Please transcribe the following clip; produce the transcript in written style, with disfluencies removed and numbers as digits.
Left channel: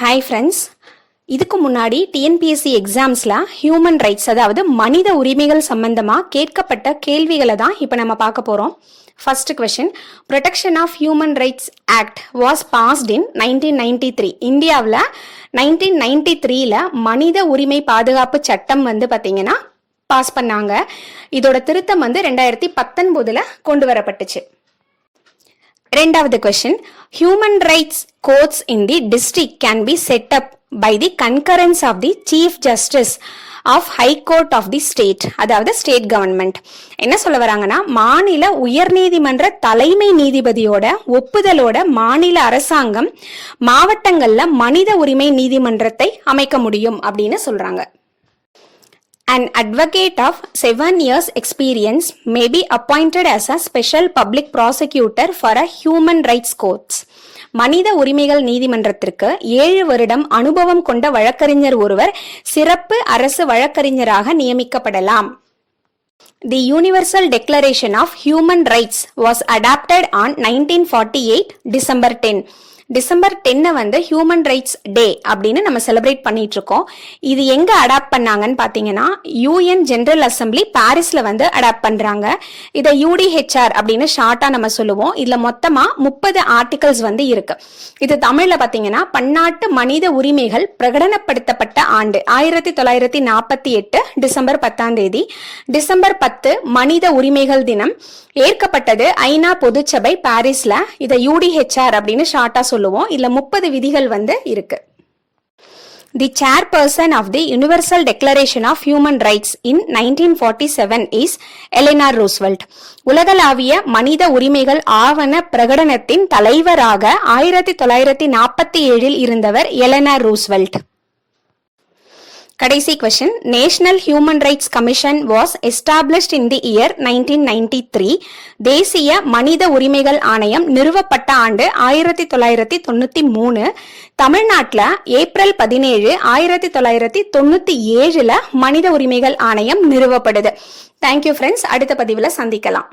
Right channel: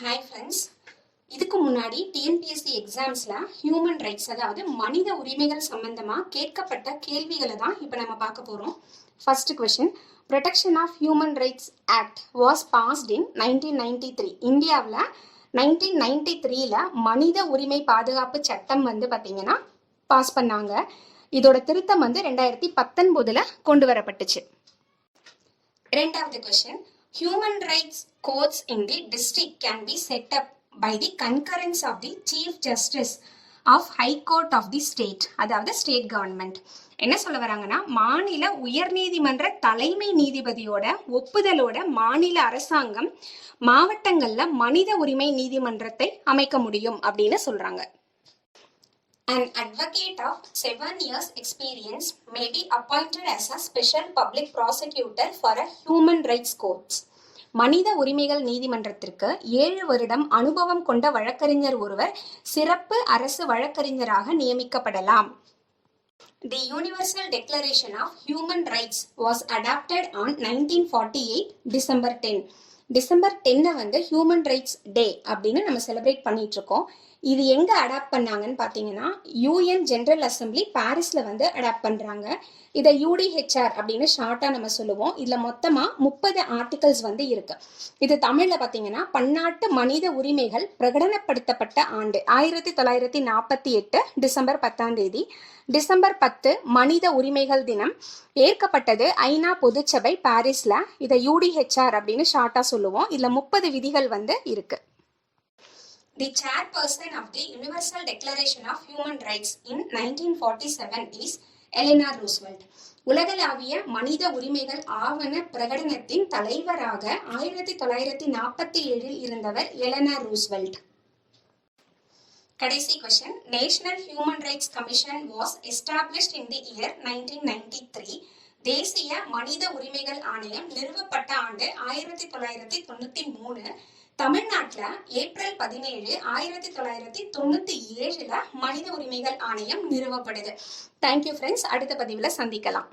Hi friends, இதுக்கு முன்னாடி TNPSC எக்ஸாம்ஸில் human rights அதாவது மனித உரிமைகள் சம்பந்தமாக கேட்கப்பட்ட கேள்விகளை தான் இப்போ நம்ம பார்க்க போகிறோம். First question, protection of human rights act was passed in 1993. இந்தியாவில் 1993 மனித உரிமை பாதுகாப்பு சட்டம் பார்த்தீங்கன்னா பாஸ் பண்ணாங்க. இதோட திருத்தம் 2019 கொண்டு வரப்பட்டுச்சு. ரெண்டாவது question, human rights courts in the district can be set up by the concurrence of the chief justice of high court of the state, அதாவது ஸ்டேட் கவர்மெண்ட். என்ன சொல்ல வராங்கன்னா, மாநில உயர்நீதிமன்ற தலைமை நீதிபதியோட ஒப்புதலோட மாநில அரசாங்கம் மாவட்டங்கள்ல மனித உரிமை நீதிமன்றத்தை அமைக்க முடியும் அப்படின்னு சொல்றாங்க. An advocate of 7 years experience may be appointed as a special public prosecutor for a human rights courts. மனித உரிமைகள் நீதிமன்றத்திற்கு 7 வருடம் அனுபவம் கொண்ட வழக்கறிஞர் ஒருவர் சிறப்பு அரசு வழக்கறிஞராக நியமிக்கப்படலாம். The Universal Declaration of Human Rights was adopted on 1948 December 10. December 10 human rights day அப்படின்னு நம்ம செலிப்ரேட் பண்ணிட்டு இருக்கோம். இது எங்க அடாப்ட் பண்ணாங்கன்னு பாத்தீங்கன்னா, யூஎன் ஜெனரல் அசம்பிளி பாரிஸ்ல அடாப்ட் பண்றாங்க. இதை யூடிஹெச்ஆர் அப்படின்னு ஷார்ட்டா நம்ம சொல்லுவோம். இதுல மொத்தமா 30 ஆர்டிகல்ஸ் இருக்கு. இது தமிழ்ல பாத்தீங்கன்னா, பன்னாட்டு மனித உரிமைகள் பிரகடனப்படுத்தப்பட்ட ஆண்டு 1948 டிசம்பர் 10. டிசம்பர் 10 மனித உரிமைகள் தினம் ஏற்கப்பட்டது ஐநா பொதுச்சபை பாரிஸ்ல. இதை யூடிஹெச்ஆர் அப்படின்னு ஷார்ட்டா சொல்லுவோம். இதுல 30 விதிகள் இருக்கு. The chairperson of the Universal Declaration of Human Rights in 1947 is Eleanor Roosevelt. உலகளாவிய மனித உரிமைகள் ஆவண பிரகடனத்தின் தலைவராக 1947 இருந்தவர் எலனார் ரூஸ்வெல்ட். கடைசி question, national human rights commission was established in the year 1993. தேசிய மனித உரிமைகள் ஆணையம் நிறுவப்பட்ட ஆண்டு 1993. தமிழ்நாட்டில் ஏப்ரல் 17 1997 மனித உரிமைகள் ஆணையம் நிறுவப்படுது. தேங்க்யூ ஃப்ரெண்ட்ஸ், அடுத்த பதிவில் சந்திக்கலாம்.